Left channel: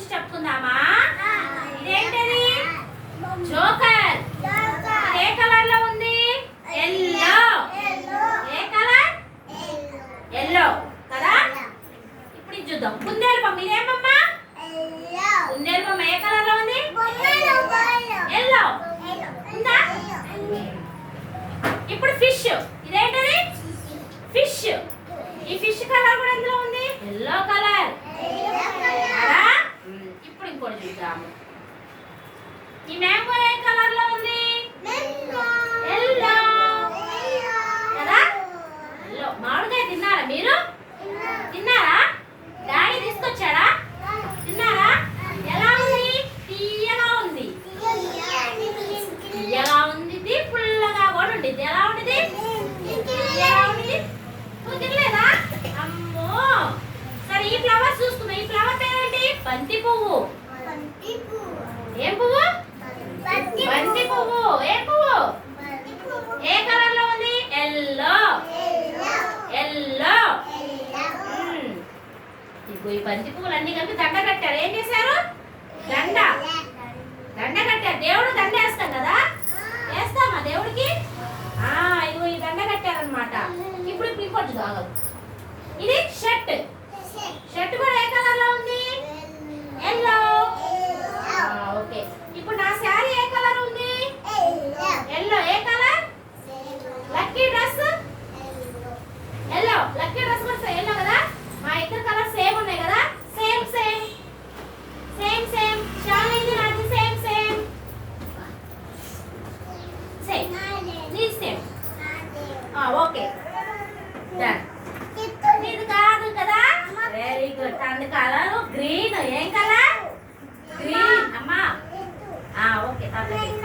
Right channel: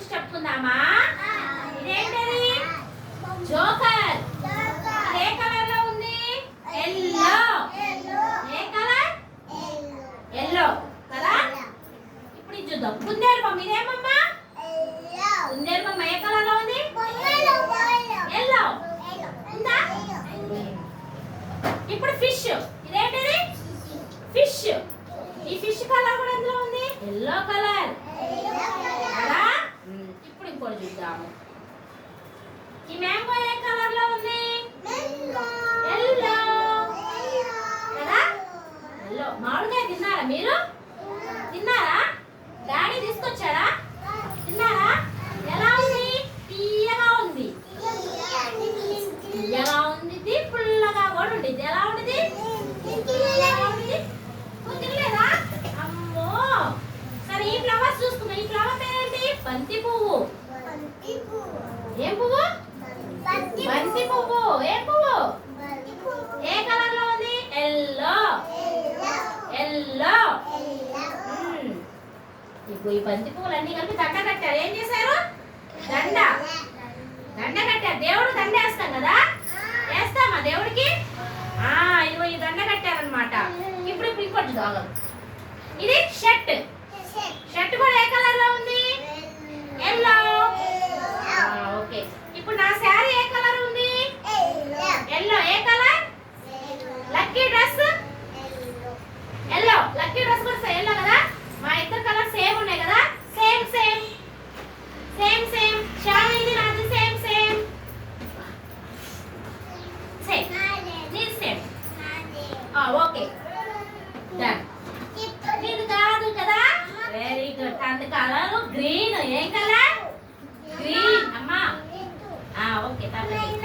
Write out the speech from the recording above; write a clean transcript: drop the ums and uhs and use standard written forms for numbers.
గురించి చెప్పుకుందామా? ఇదేంటది? జోకర్. ఏ కలర్ లో ఉంది? ఎల్లో. ఏ కలర్? ఎల్లో కదా. ఇప్పుడు ఇది చూద్దాం. కుందేలు బొమ్మ. ఇదేమమ్మా? కుందేలు బొమ్మ ఏ కలర్ లో ఉంది? ఎల్లో ఉందా? ఇప్పుడు ఫిష్. ఇదేంటది? ఫిష్. ఈ ఫిష్ కలర్ కూడా ఎందులో ఉంది? Yellow colour. ఇప్పుడు ఇంకోటి చూద్దాము. ఈ మ్యాంగో ఏ కలర్ లో ఉంది? ఎల్లో కదా. ఎల్లో. మామిడికాయ తిన్నారా మీరు? తిన్నారా? డాడీ తీసుకొచ్చాడా? తిన్నారా? ఎలా ఉంది? తీయగా ఉంది. తీయగా ఉంది, పుల్లగా కూడా ఉండిద్ది. ఎలా ఉండిద్ది? నువ్వు తినలేదా? అమ్మో. సరే, ఈ ఫ్లవర్స్ చూసుకుందాం. ఈ ఫ్లవర్ పేరేంటి? బంతి పువ్వు. ఏం పువ్వు? బంతి పువ్వు. ఏ పువ్వు? ఏ కలర్ లో ఉంది? ఎల్లో. ఎల్లో. ఈ బంతి పువ్వులు అన్ని కలిపి దండ కట్టారు. ఏం చేశారు? దండ కట్టారు. దేవుడు దండ వేస్తాం కదా. వేస్తామా దేవుడికి? ఇగో ఈ దండ కట్టారనమాట. ఇప్పుడు ఇంకొంచెం దాగలు. ఇది షర్ట్. షర్ట్ కూడా ఏ కలర్ లో ఉంది? ఎల్లో. ఓకే. ఇప్పుడు నా శారీ ఏ కలర్ ఉంది? ఎల్లో. ఏ colour? Lucky dress yellow. Lucky dress కూడా ఎల్లో కదా. మా ఇద్దరు కలర్ సేమ్ ఉన్నాయి కదా. Same same same same. శారీది నాది సేమ్ సేమ్ సేమ్. నీది సేమ్. Okay done. నీది కాదు కదా. Very good. తన కలర్ గ్రీన్. ఏం కలర్? గ్రీన్. అమ్మా ఓకే. తప్పలేదు.